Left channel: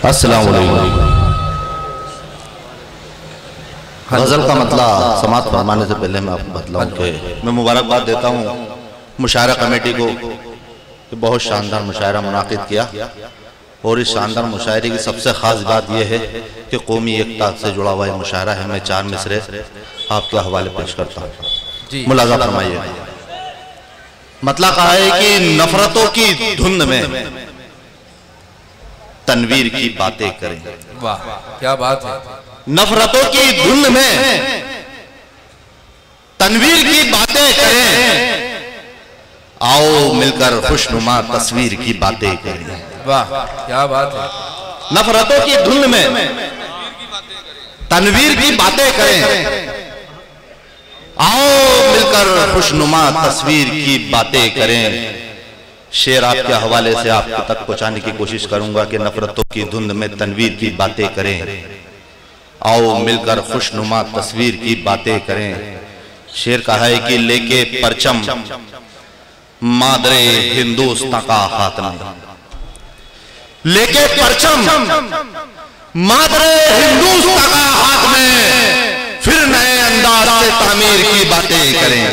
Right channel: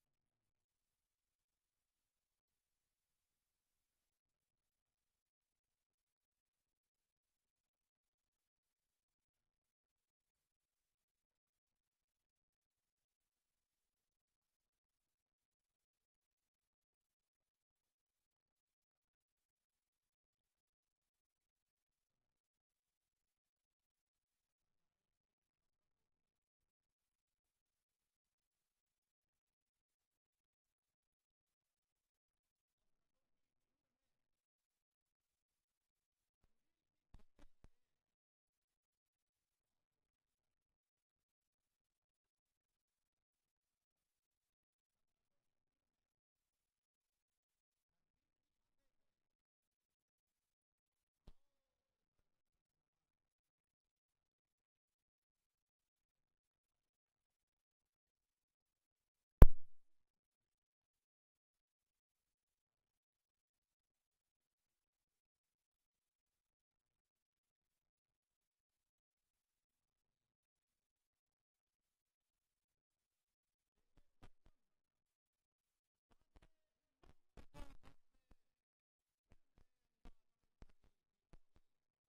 अस्सलाम वालेकुम। गज़ल का मतलब समाप्त फरमाने से पहले मैं आपको बतलाऊं कि मैं मुबारकबाद देता हूँ मुशायरा कमेटी को कि बहुत शानदार मुशायरा मुनाकिद किया। और इस शानदार मुशायरे की सबसे ख़ास बात यह है कि कौमी एकता से जुड़ा हुआ मुशायरा है। मैं 4 मिसरे आपके हवाले पेश करता हूँ, मुलाज़ा फरमाइए। मतलब कहा है कि नफरतों की धुंध में तनवीर की बातें करें। वाह क्या बात है। नफरतों की धुंध में तनवीर की बातें करें, आओ मिलकर खुशनुमा तस्वीर की बातें करें। वाह क्या बात है। नफरतों की धुंध में तनवीर की बातें करें, आओ मिलकर खुशनुमा तस्वीर की बातें करें। शेर आपके हवाले से आप तक पहुंचाने की कोशिश करूंगा कि नफरतों की धुंध में तनवीर की बातें करें, आओ मिलकर खुशनुमा तस्वीर की बातें करें। शेर कहा है कि लेके परचम मादरे हिंदुस्तान का हाथ में, लेके परचम मादरे हिंदुस्तान का हाथ में, फिर नए अंदाज से तामीर की बातें करें।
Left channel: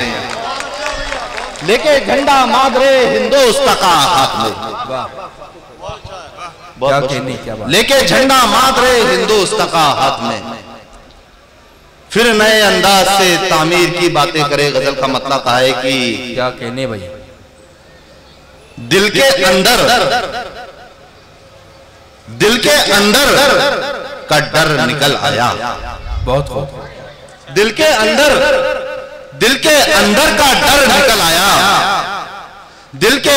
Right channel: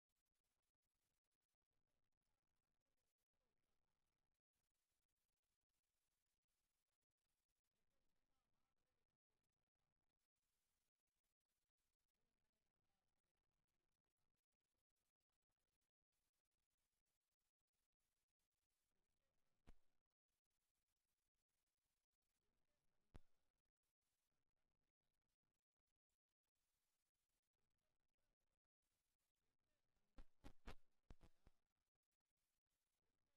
लेके झंडा मादरे हिंदुस्तान का हाथ में, लेके झंडा मादरे हिंदुस्तान का हाथ में, फिर नए अंदाज से तामीर की बातें करे। गजल का मतलब कहा है कि क्या कहने भाई, दिल के अंदर का डर निकल आया। बहुत खूब। दिल के अंदर का डर निकल आया। दिल के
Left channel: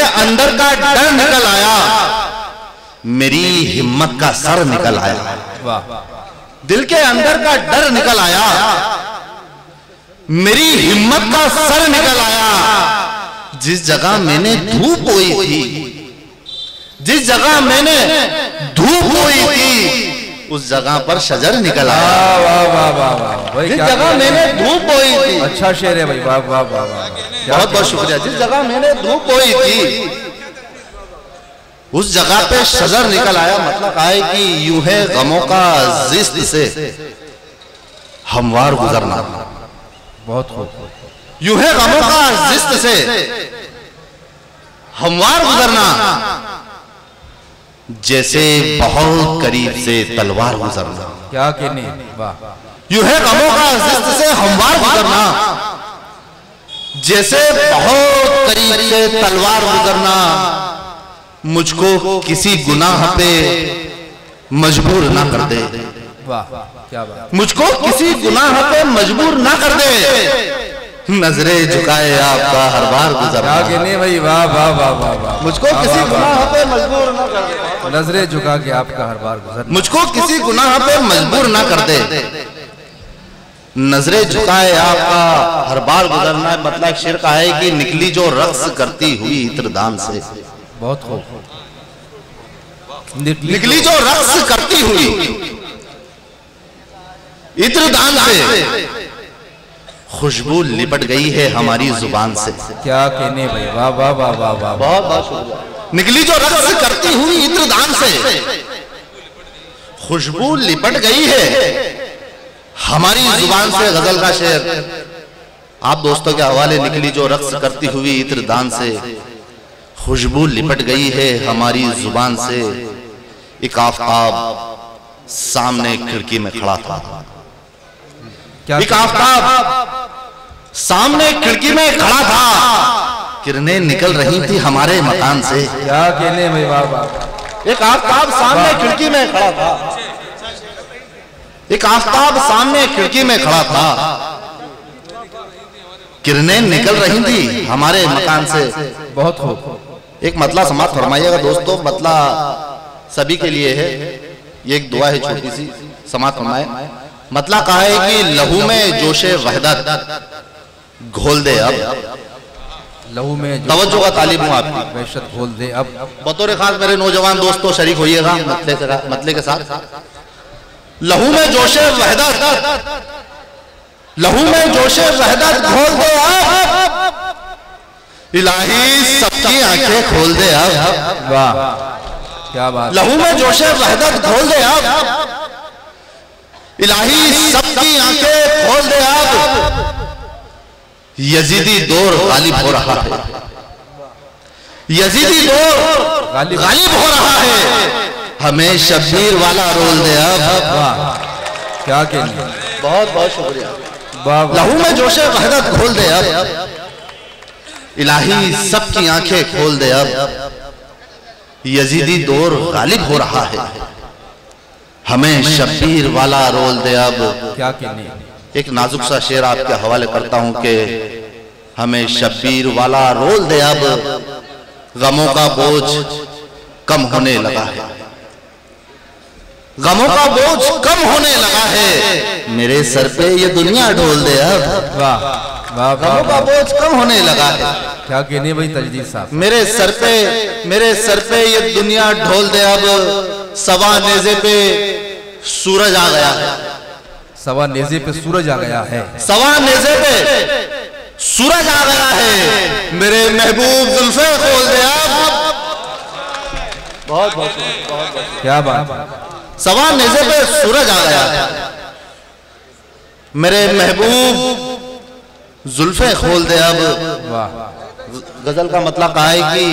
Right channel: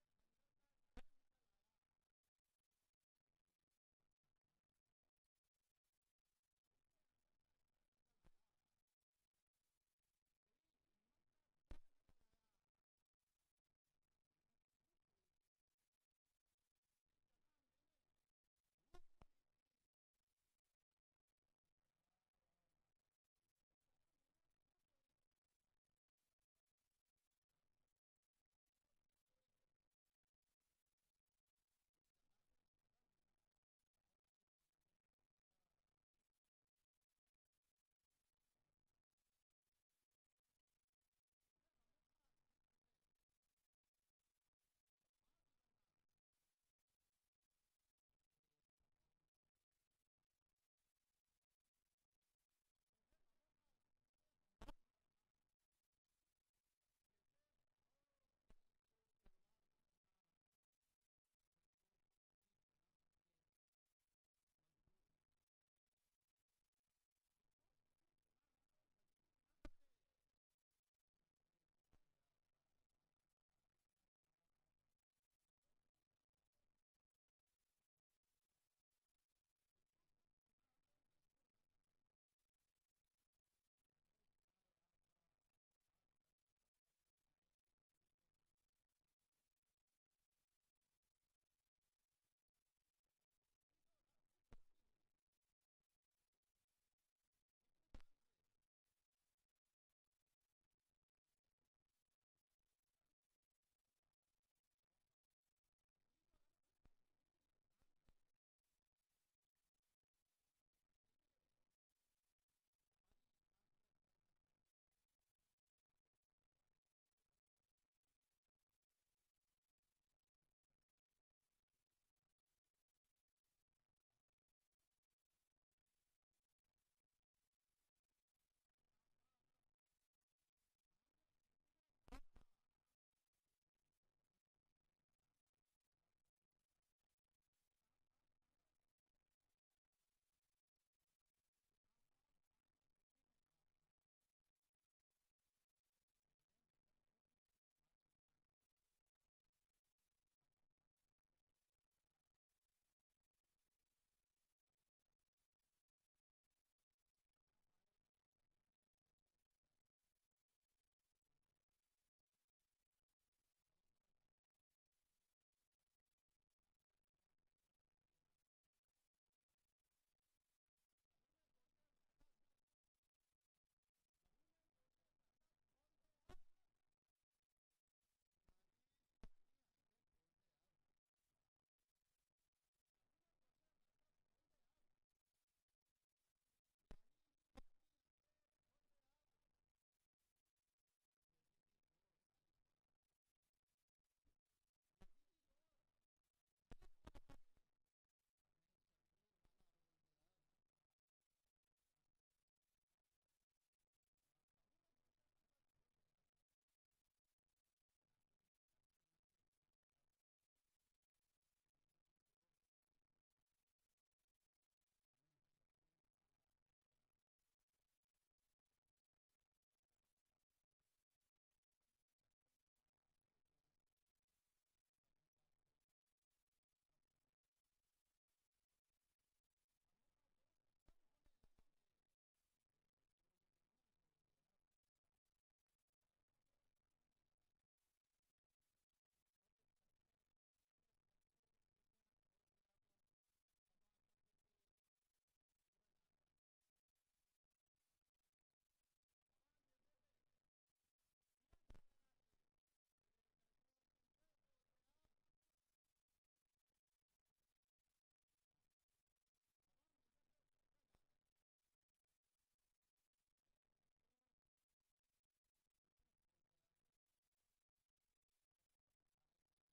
अंदर का डर निकल आया, मेरी हिम्मत का सर निकल आया। वाह। दिल के अंदर का डर निकल आया, मेरी हिम्मत का सर निकल आया। जिस जगह मैंने धूप बोई थी, जिस जगह मैंने धूप बोई थी, उस जगह पर शजर निकल आया। वाह वाह वाह वाह। जिस जगह मैंने धूप बोई थी, अच्छा शेर है भाई। वाह वाह वाह वाह। बहुत बहुत शुक्रिया। जिस जगह मैंने धूप बोई थी, उस जगह पे शजर निकल आया। मतलब है कि यूं है गमों का जिस्त से हमवार गुजरना। बहुत खूब। यूं है गमों का जिस्त से हमवार गुजरना, जैसे बहुत करीब से तलवार गुजरना। क्या कहने। वाह। यूं है गमों का जिस्त से हमवार गुजरना, जैसे बहुत करीब से तलवार गुजरना। मुझको किसी गुनाह पे मजबूर ना कर दे। वाह क्या बात। मुझको किसी गुनाह पे मजबूर ना कर दे, नजरे झुकाए आपका हर बार गुजरना। क्या कहने भाई। वाह वाह वाह वाह वाह। मुझको किसी गुनाह पे मजबूर ना कर दे, नजरे झुका के आपका हर बार गुजरना। मुझको किसी गुनाह पे मजबूर ना कर दे, नजरे झुकाए आपका हर बार गुजरना। मतलब शेर का है कि निकली जो रक्स करती हुई इत्रदान से। बहुत खूब। निकली जो रक्स करती हुई इत्रदान से, खुशबू लिपट गई है हमारी जुबान से। क्या कहने भाई। वाह वाह वाह वाह वाह। बहुत बहुत शुक्रिया। निकली जो रक्स करती हुई इत्रदान से, खुशबू लिपट गई है हमारी जुबान से। गजल का शेर आप दोस्तों के हवाले। निकली जो रक्स करती हुई इत्रदान से, खुशबू लिपट गई है हमारी जुबान से। एक आफताब सामने खिड़की में खड़ा था। एक आफताब सामने खिड़की में खड़ा था, किरणें निकल रही थी हमारे मकान से। क्या कहने भाई। वाह वाह। एक आफताब सामने खिड़की में खड़ा था, एक आफताब सामने खिड़की में खड़ा था, किरणें निकल रही थी हमारे मकान से। बहुत खूब। एक मतला समाप्त फरमाइएगा दोस्तों। मतला सभी के लिए है, ये एक दुआ है छोटी सी, समाप्त फरमाए। मतला कहा है कि लहू में जोशे वहदत घोल दे अब। लहू में तवज्जो का तालिब हूँ आपकी। वहशत घोल दे अब। बतौर खास मेरे नौजवान दोस्तों शरीक होइएगा मतले के साथ। लहू में जोशे वहदत, लहू में जोशे वहदत घोल दे अब, इलाही सबकी आंखें खोल दे अब। वाह क्या बात। लहू में जोशे वहदत घोल दे अब। इलाही सबकी आंखें खोल दे अब। यजीदी दौर गालिब हो रहा है। यजीदी दौर गालिब हो रहा है। हमें शब्बीर वाला रोल दे अब। वाह क्या कहने। बहुत बहुत शुक्रिया। लहू में जोशे वहदत खोल दे अब। इलाही सबकी आंखें खोल दे अब। यजीदी दौर गालिब हो रहा है। हमें शब्बीर वाला रोल दे अब। क्या कहने। एक नाजुक सा शेर आपके हवाले करता हूं कि हमें शब्बीर वाला रोल दे अब। गमों का बोझ कम होने लगा है। गमों का बोझ कम होने लगा है। मेरे सर पे ये दुनिया ढोल दे अब। वाह वाह। गमों का बोझ कम होने लगा है। क्या कहने भाई तजदीद साहब। मेरे सर पे ये दुनिया ढोल दे अब। सवा नेज़े पे सूरज आ गया है। सवा नेज़े पे सूरज आ गया है। सवा नेज़े पे सूरज आ गया है। मेरे महबूब जुल्फे खोल दे अब। बहुत बहुत क्या बात। सवा नेज़े पे सूरज आ गया है। मेरे महबूब जुल्फे खोल दे अब। वाह। गजल का मतलब कहा है कि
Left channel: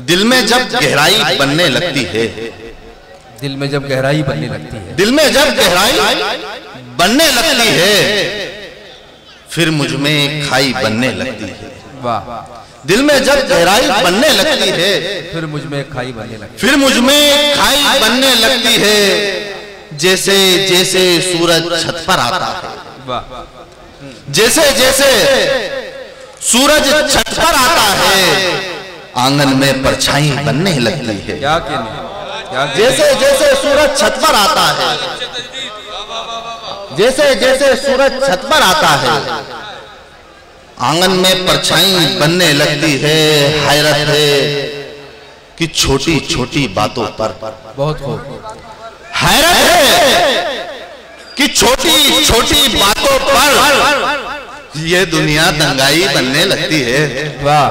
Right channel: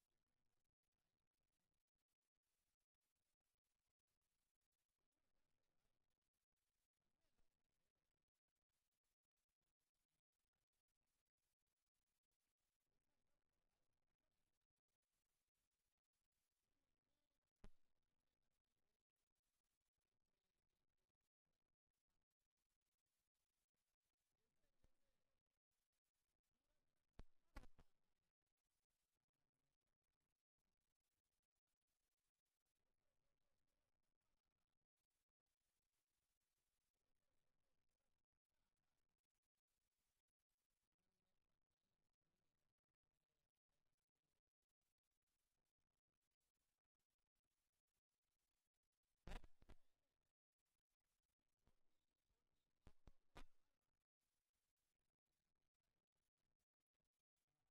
दिल में जब गहराई बनने लगती है। दिल में जब गहराई बनने लगती है। दिल में जब गहराई बनने लगती है। फिर मुझ में खाई बनने लगती है। वाह। दिल में जब गहराई बनने लगती है। फिर मुझ में खाई बनने लगती है। फिर मुझ में खाई बनने लगती है। जैसे जैसे सूरज छत पर आता है। वाह। जैसे जैसे सूरज छत पर आता है। आंगन में परछाई बनने लगती है। क्या कहने। जैसे जैसे सूरज छत पर आता है। जैसे जैसे सूरज छत पर आता है। आंगन में परछाई बनने लगती है। हैरत है कि छोटी छोटी बातों पर। बहुत खूब। हैरत है कि छोटी छोटी बातों पर ये दुनिया दंगाई बनने लगती है। वाह।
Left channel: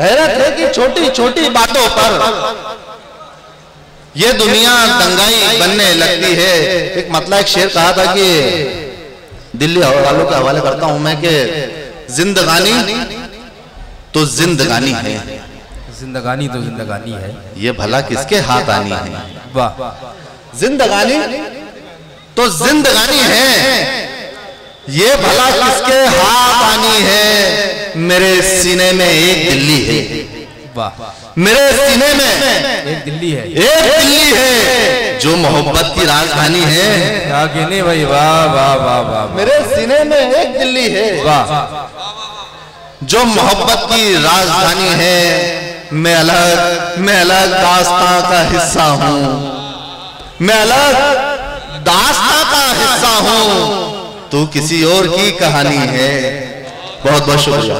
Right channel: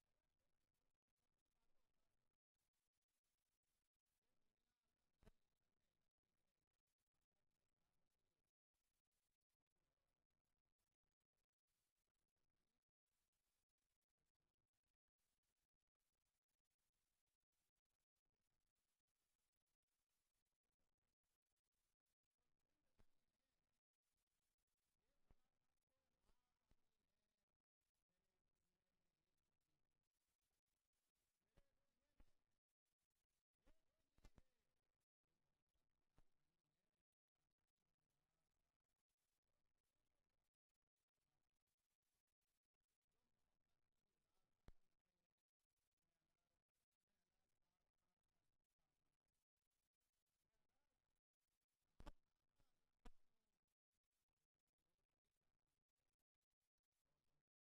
हैरत है कि छोटी छोटी बातों पर ये दुनिया दंगाई बनने लगती है। एक मतलब एक शेर कहा था कि दिल्ली वालों के हवाले करता हूं मैं कि जिंदगानी तो जिंदगानी है। जिंदगानी तो जिंदगानी है। ये भला किसके हाथ आनी है। वाह। जिंदगानी तो जिंदगानी है। ये भला किसके हाथ आनी है। मेरे सीने में एक दिल्ली है। वाह। मेरे सीने में एक दिल्ली है। एक दिल्ली है जो मोहब्बत की राजधानी है। क्या कहने भाई। वाह वाह वाह वाह। मेरे सीने में एक दिल्ली है। वाह। जो मोहब्बत की राजधानी है। मैं अलग दास्तां का हिस्सा हूँ। मैं अलग दास्तां का हिस्सा हूँ। तू किसी और की कहानी है। बहुत बहुत शुक्रिया।